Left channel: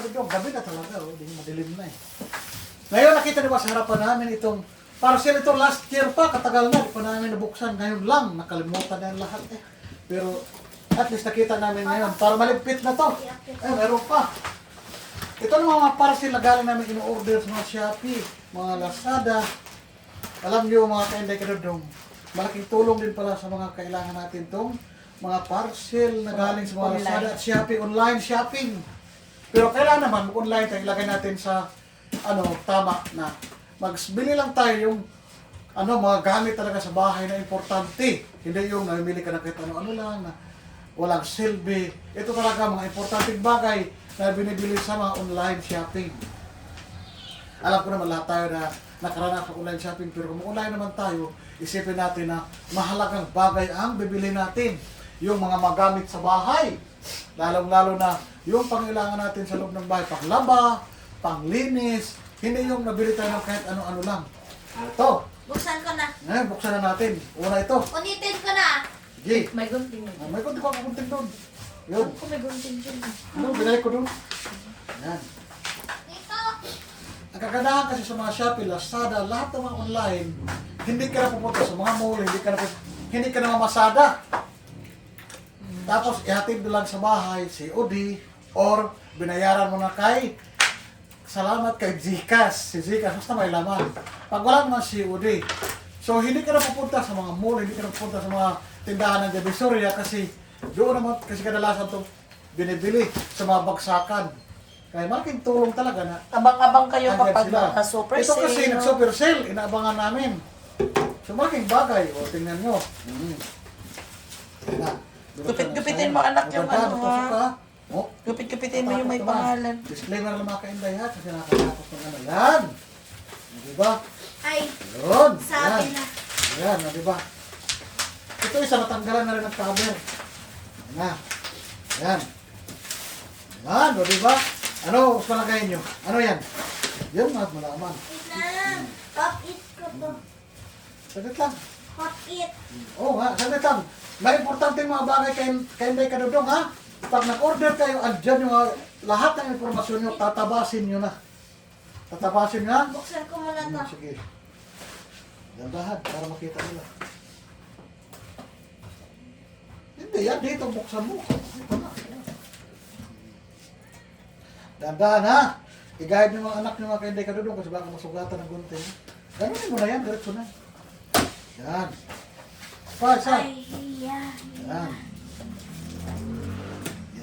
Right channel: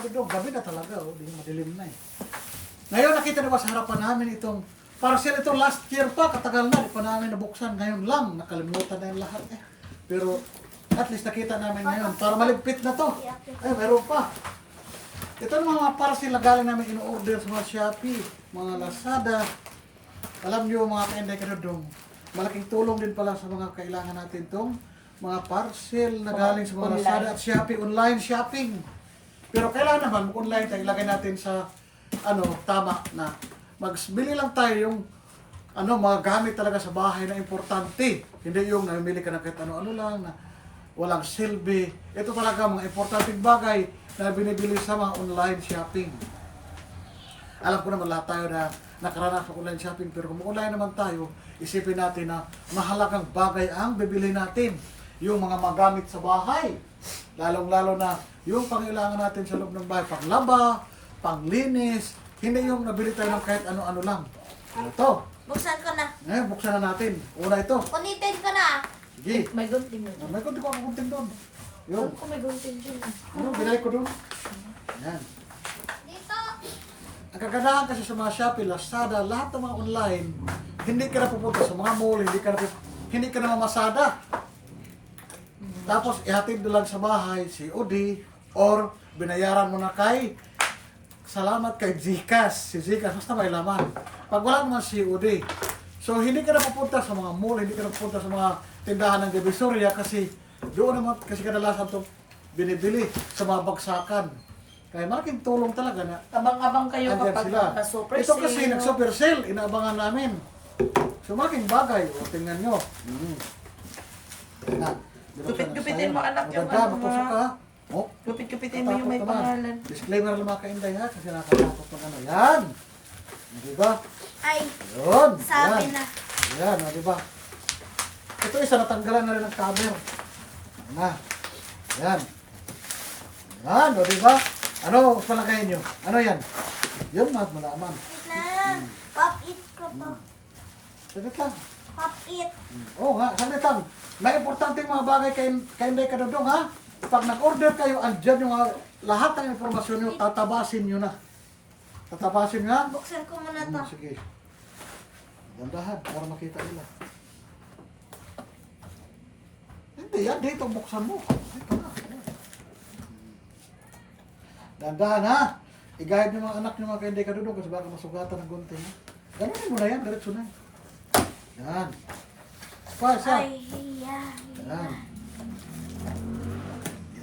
Kadudong, gabi na talaga, oh, di madilim na eh. Ngayon nakita niyo ba sa harapan namin itong parcel ito last year pa, katagal na, di pa namin nabuksan. Ngayon lang, nakalimutan na yung lahat eh. Pero at least nakita namin ngayon, para maligpit na to. Ay, meron pa. Ito ang mga parcel na galing namin in-order sa mga Shopee, mga Lazada. Alam niyo mga kainday Kadudong, malaking tulong din pala sa mga kailangan natin tong mga parcel na galing sa mga Lazada at Shopee, online shopping. Pero kailangan naman mag-online tayo, ilagay natin sa tama na magbili lang tayo yung mga gamit talaga sa bahay na importante. Hindi yung namimili ka na kahit ano-ano lang na walang silbi. Ito talaga mga importanteng bagay na binibili sa mga online shopping. Alam ko naman lahat tayo na nakaranas sa online shopping, pero kung online naman tayo, isipin natin na mahalagang bagay ang bibili natin. Yung mga magamit sa bahay. Lalong-lalo na yung pangailangan natin sa loob ng bahay, panglaba, panglinis, hindi yung nabili tayo ng kahit ano-ano lang. Ito. Buksan ko na. Buksan na natin. Una ito. Kunitin ko na. Sige. May gunting mo. May konti pa ako kunting doon. Yun. May gunting dyan. Binay ko doon. Yan. Dito. Ang kagandahan kasi sa mga Shopee, Lazada, lahat ng mga online, hindi ka na pupunta sa mga mall, hindi ka na mamasada. Tapos ihatid lang sa bahay, COD, or binayaran mo na kay salamat kay Gcash. Si Gcash, basta may laman. Pag wala naman COD, so hindi ka na pupunta sa mga mall, hindi ka na pupunta sa mga tindahan ng Divisoria kasi doon naman kasi kadalasan ito binibili sa mga bagsakan. Kaya malaking tulong talaga na Abang-abang kayo andyan kapag sila. naka-super Ito sale. kasi nag-super sale, inaabangan namin. So malaking bagay, o tingnan nyo. Tingnan. Gupit-gupitin mo, anak, yung Maganda, ano, matusok ha? ka. Oh, Gupit-gupitin mo yung may natakot naman. pangalan. Disclaimer lang mga kainday ha, kasi nakatakot ng ano. Yan! Diba? Ay, Yun! sabi Yan! na. Yan, diba? Ito isa, natanggalan na rin ng cover. Na. Yan. Yan, o diba? Ano, gusto lang kayo nyo? Ano yan? Yun, malaman. Wait na. Pop it ko to. Saglit lang. Pop it. Oo nga, saglit lang. May importante mga bagay kay Inday Kadudong ha. Pag nag-order kayo, andyan yung lahat ng informasyon nyo, tatabasin nyo na. Tatabasin nyo na? Buksan ko muna to. Sige. Dandahan, para makita nila. Hindi yan, dito buksan mo. Dito na. Dandahan ha. I-guide nyo mga anak nyo mga kay Inday Kadudong kasi baka masugatan ng gunting. Ganunin mo na yan, diretso na. Yan. Pa, isa. Ay, yan. Yan.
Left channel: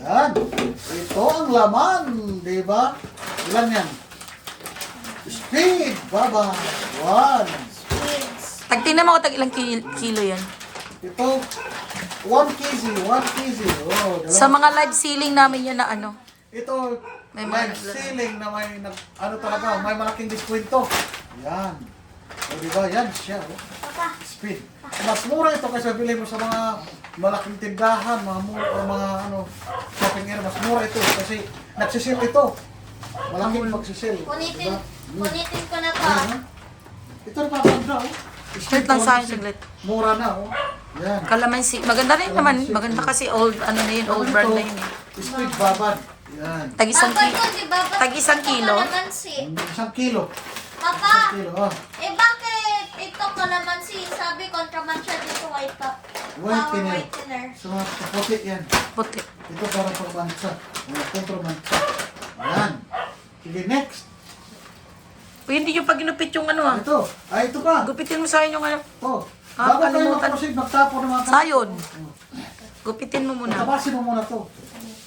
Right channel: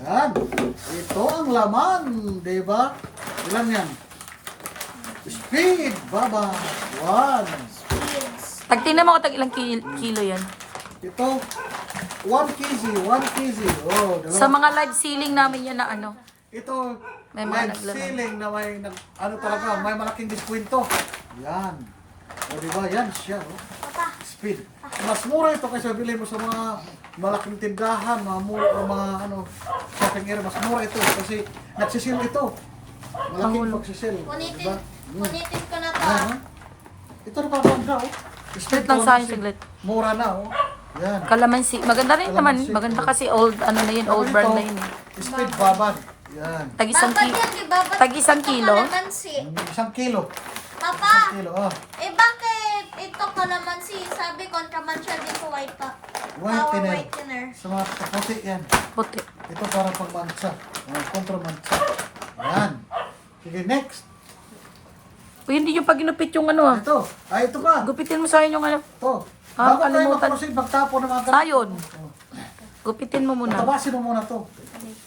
Yan. Ito ang laman, di ba? Ilan yan? Speed, baba. 1. Kids. Pag tingnan mo ko, tag ilang kilo yan. Ito, 1 kg, 1 kg. Oh, diba? Sa mga live ceiling namin yan na ano. Ito, May may mga naglaro. ceiling na talaga, may malaking diskwento. Yan. O, di ba? Yan siya. Oh. Speed. Mas mura ito kaysa bili mo sa mga malaking tindahan, mga mall, o mga shopping area. Mas mura ito kasi nagsisil ito. Malaking pagsisil. Kunitin. Diba? Kunitin ko na to. Yan. Ito na papaganda, oh. Saglit lang sa akin, saglit. Mura na, oh. Yan. Kalamansi. Maganda rin naman. Maganda kasi old, ano na yun, old brand na yun eh. Speed babad. Yan. Tag isang Papa, kilo. yun, di ba? Ba't Tag isang ito kilo? kalamansi? 1 kilo. Papa, 1 kilo, oh. bakit ito kalamansi? Sabi contraband siya dito white top. Power Whitener. whitener. So, kaputi yan. Puti. Ito para sa pansa. Kontramansa. Yan. Sige, next. Uy, hindi yung pag ginupit yung ano ah. Ito. Ay, ito pa. Gupitin mo sa akin yung ano. Ito. Ah, Bago tayo kalimutan. mag-proceed, magtapo ng mga Sayon. Oh. Gupitin mo muna. Tatabasin mo muna to.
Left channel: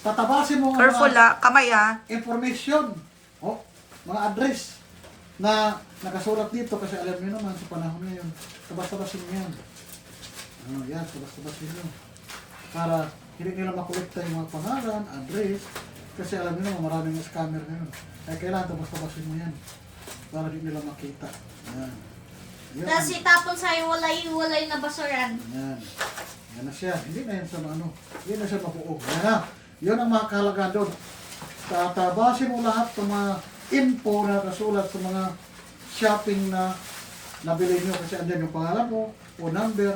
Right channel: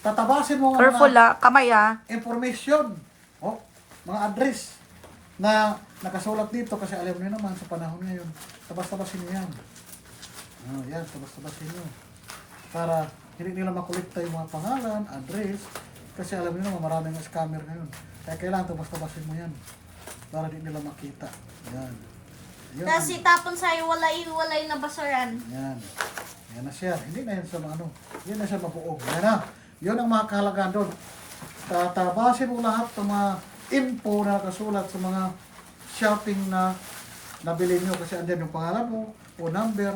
Tatabasin mo ang Careful mga ah. Kamay ah. information. Oh, mga address na nakasulat dito kasi alam niyo naman sa panahon ngayon. Tabas-tabasin mo yan. Yan, tabas-tabasin mo. Para hindi nila makolekta yung mga pangalan, address. Kasi alam niyo naman maraming scammer ngayon. Kaya kailangan tabas-tabasin mo yan. Para hindi nila makita. Yan. Yan. Tapos itapon sa'yo walay na basuran. Yan. Yan na siya. Hindi na yan sa hindi na siya mabuog. Yan na. Yun ang mga kahalagaan doon. Tatabasin mo lahat ng mga info na kasulat sa mga shopping na nabili nyo kasi andyan yung pangalan mo, phone number,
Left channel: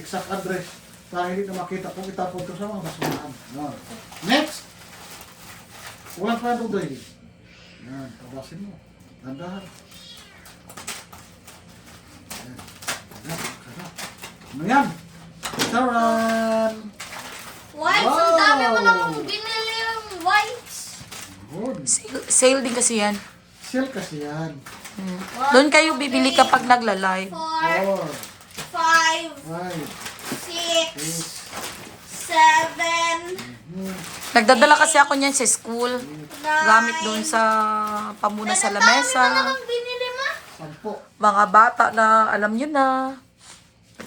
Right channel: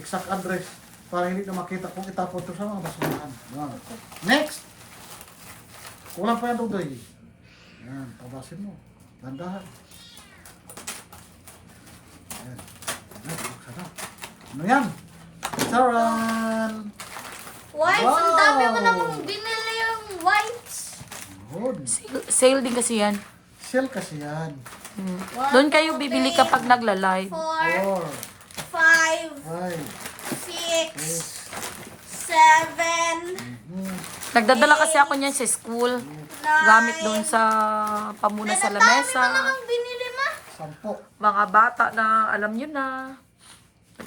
exact address para hindi na makita kung itapon to sa mga basurahan. Yan. Next! Walang pa yan, Rudoy. Yan, tabasin mo. Ganda. Yan. Ano yan? Charan! Whites, ang Wow! dami mo namang binili yung whites. Good. Sale din kasi yan. Sale kasi yan. Doon kayo bibili kapag nagla-live. 4, 4, 5, 5, 6, 7, Nagdadala kasi ako niyan sa school. 9. Gamit doon sa pamuna sa Ang dami mo lamesa. namang binili ma. 10. Mga bata na alam nyo na.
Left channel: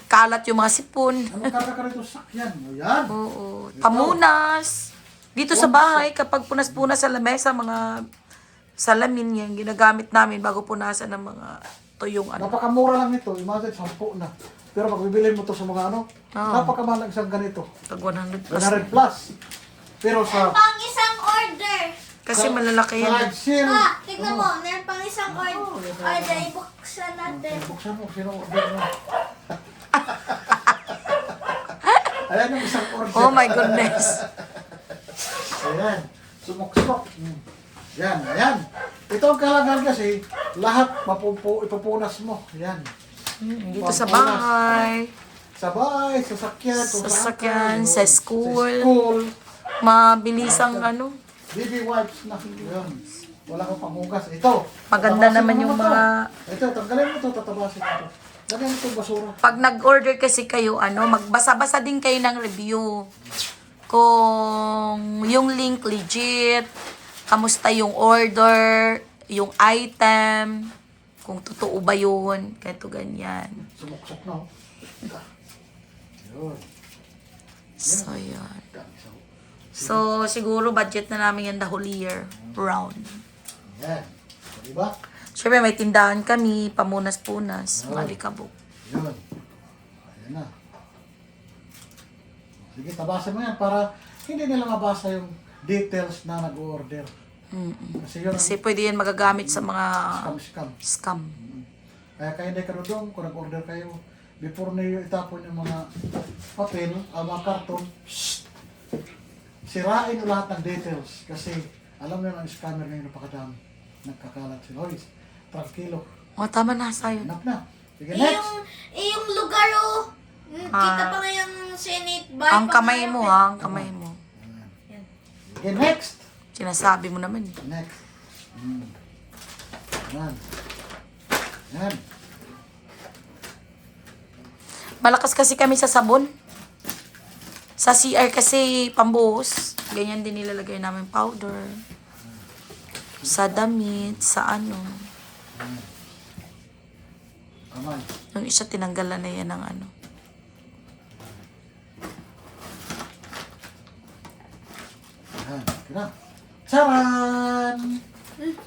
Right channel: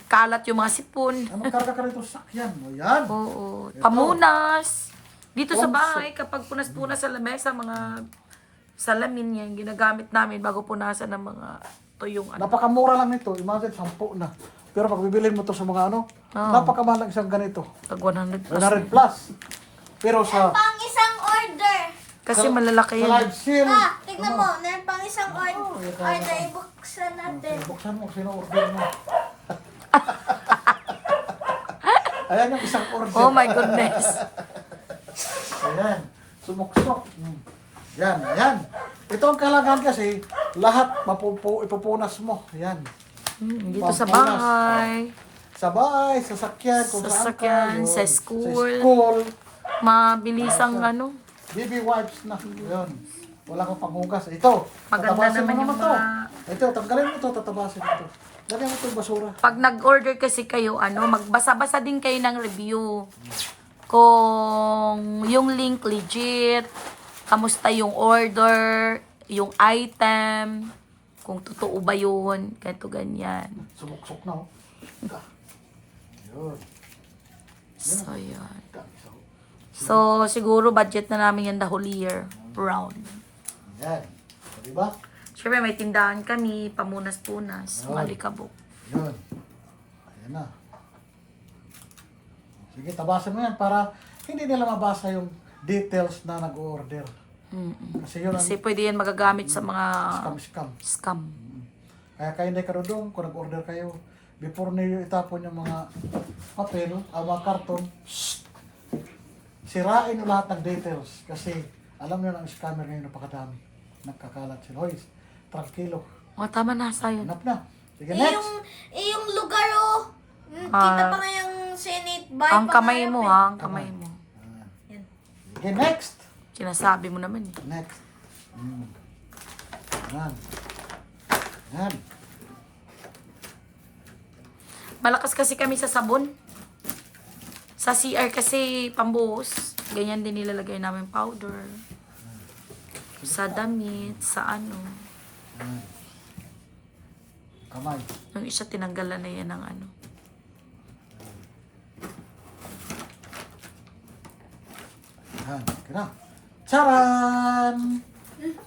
Kalat yung mga sipon. Ano karga ka rito sakyan? O yan. Oo. Pamunas. Dito sa bahay, kapag punas-punas sa lamesa, mga salamin yan, ginagamit namin bago punasan ng mga tuyong ano. Napakamura lang nito. Imagine, 10 na. Pero pag bibilin mo to sa mga ano, napakamahal lang isang ganito. Pag 100 plus. 100 plus. Pero sa Pang isang order. Kasi malalaki yan. live sale, Ah, tignan mo, meron pang isang order. Order, ibuksan natin. buksan mo, sino order mo. Ayan yung isang order. Oh my goodness. Ayan, sumuksok. Yan, ayan. Ito ang kalangan kasi, lahat ipupunas mo. Yan. Dito sa bahay, Sa bahay, sasakyan, kung saan sasakyan, ka, sa yun. school, Sa school, mabilisang ano. baby wipes na. Yun. Wala kang panghugas. Ito. Maganda tatabasin naman mo yung na to. mga... Ito, tanggalin mo ito, tatabasin ito. Lagyan mo itong basura. Pag nag-order kasi kayo, ano, magbasa-basa din kayo ng review. Kung yung link legit, kamusta yung order, yung item, kung totoo ba yun, ganito ganyan. Sumuksok na, oh. Yun. So, yun. So, siguro budget na namin yan the whole year round. Yan. So, diba? Siyempre, may tindahan kami, pamunas-punas, mga likabok. Yun. Ayan na. Sige, tabasin mo yan para hindi nila mabasa yung details na nag-order. Kasi yun ang Kasi pwede yan magagamit sa mga scam. scam. Kaya hindi ka doon kung nag-order kayo. Before niyo itapon yung mga papel, mga karton, sirain yung lahat ng details. Kasi alam mo yung scammer ngayon napakadami. Nagkakalat sila. Hoy, tranquilo. O, tama na, sayo. Hanap na. Sige, Eh, next. yung lugar oh. Kita pa nga yung Senate by Ang kamay mo, ha? Ang kamay mo. Sige, next. Sinasabi mo naman eh. Next. Yan. Yan. Malakas kasi kami sa sabon. Sa CR kasi pambuhos. Ganyan din nilalagay namin powder. Sa damit, sa ano. Kamay. Yung isa tinanggalan na yan ng ano. Yan. Kina. Charan!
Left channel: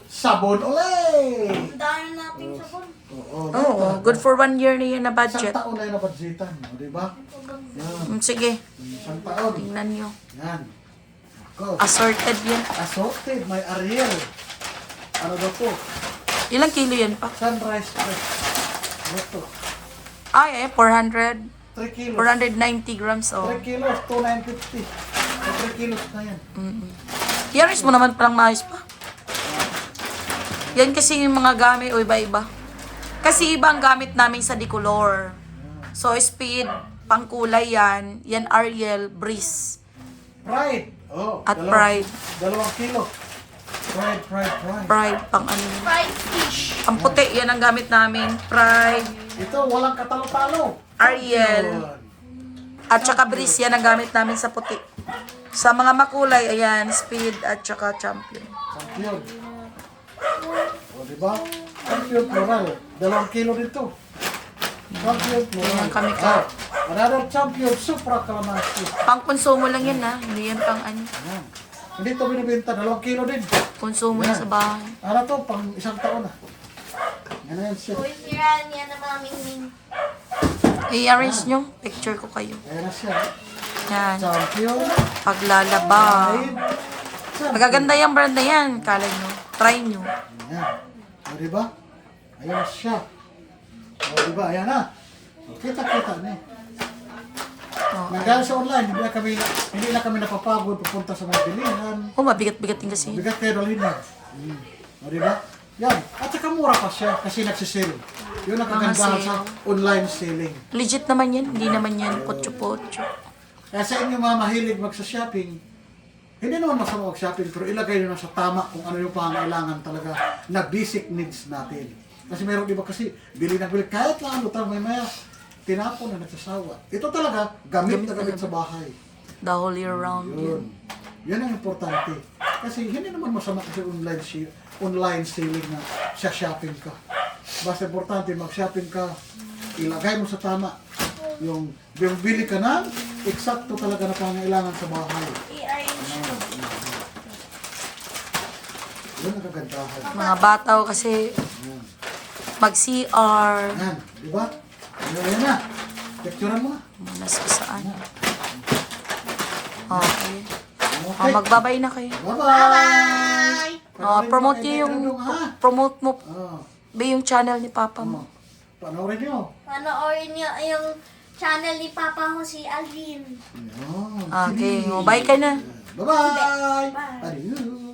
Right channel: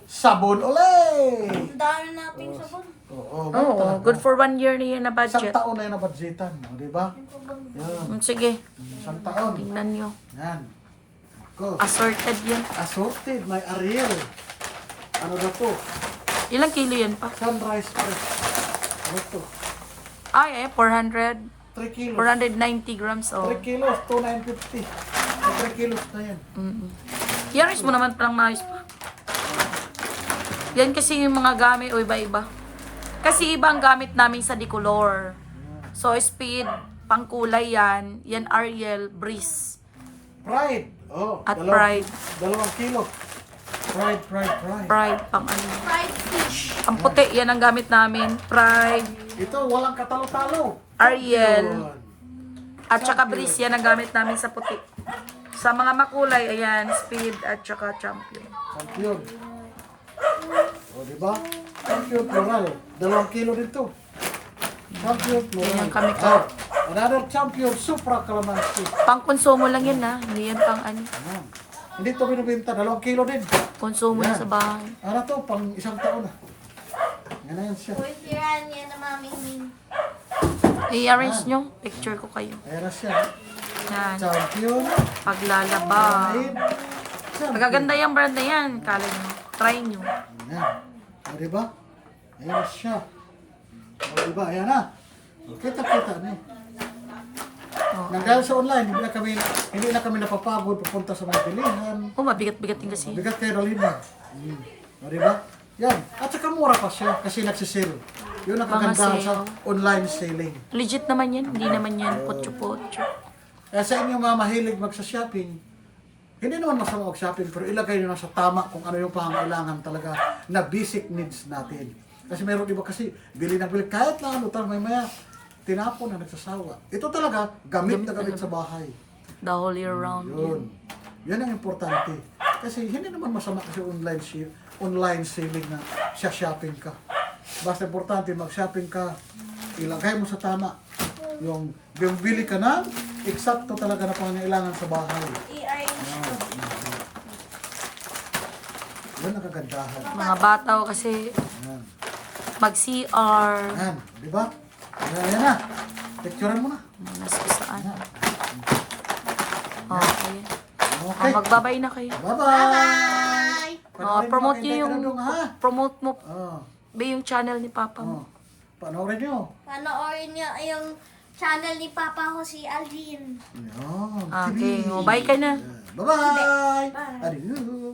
Sabon ulit! Ang dami nating sabon. Oo. Oo, good for 1 year na yan na Isang budget. taon na yun na budgetan. O, diba? Yan. Sige, Isang taon. tingnan nyo. Yan. Ako. Assorted yan. Assorted. May Ariel. Ano daw to? Ilang kilo yan pa? Sunrise Fresh. Ano to? Ay, 400. 3 kilos. 490 grams. 3 Oh. kilos. 2,950. May 3 kilos na yan. Yaris mo naman palang maayos pa. Yan kasi yung mga gamit o iba-iba. Kasi iba ang gamit namin sa Decolor. So, Speed, pangkulay yan. Yan Ariel, Breeze. Pride. Oh, At Pride. 2 kilo. Pride. Pride, pang ano. Fried fish. Ang puti, yan ang gamit namin. Pride, Ito, walang katalo-talo. Ariel. Yun. at saka Breeze, yan ang gamit namin sa puti. Sa mga makulay, ayan, Speed at saka Champion. Champion. O, diba? Champion plural. 2 kilo dito. Champion plural. Ganyan kami ka. Another champion, Supra Calamansi. Pang konsumo lang yan ha. Hindi yan pang ano. Ayan. Hindi ito binibenta. 2 kilo din. Konsumo yan sa bahay. Ano to? Pang 1 taon na. Yan na yan siya. Uy, tirahan niya na maming I-arrange nyo. Picture ko kayo. Ayan na siya. Yan. Champion. Paglalaba. Pride. Champion. Magaganda yung brand na yan. Kala nyo. Try nyo. Ayan. O, diba? Ayan na siya. O, diba? Ayan na. Kita-kita niya. Oh, Nang dahil sa online, hindi na kami napapagod pupunta sa mga bilihan. Oh, mabigat-bigat din kasi. Bigat kayo dalhin niya. O, diba? Yan. At saka mura pa siya kasi nagsisale. Yun ang Mga kagandahan sale. sa online selling. Legit naman yan. Hindi naman yan potyo-potyo. Kaya sa inyo mga mahilig magsa-shopping, hindi naman masama mag-shopping, pero ilagay nyo na sa tama kung ano yung pangangailangan talaga na basic needs natin. Kasi meron iba kasi, bili ng bili, kahit na ano, may maya, tinapon na nagsasawa. Ito talaga, gamit na gamit sa bahay. The whole year round Yun. yan. Yan ang importante. Kasi hindi naman masama kasi online selling na siya shopping ka. Basta importante, mag-shopping ka, ilagay mo sa tama. Yung bili ka na, eksakto talaga na pangangailangan sa bahay. I-arrange ko. Yan ang kagandahan. Mga bataw kasi Yan. mag-CR. Yan, di ba? Yan na. Picturean mo na. Manas ko saan. Oh, ayan. Oh, Okay. magbabay na kayo. Bye-bye! Oh, promote niyo yung, promote mo, Oh, ba yung channel ni Papa oh. mo. Panoorin nyo. Panoorin niyo yung channel ni Papa ko si Alvin. Yan. Okay, oh, bye ka na. Bye-bye! Bye. Adieu!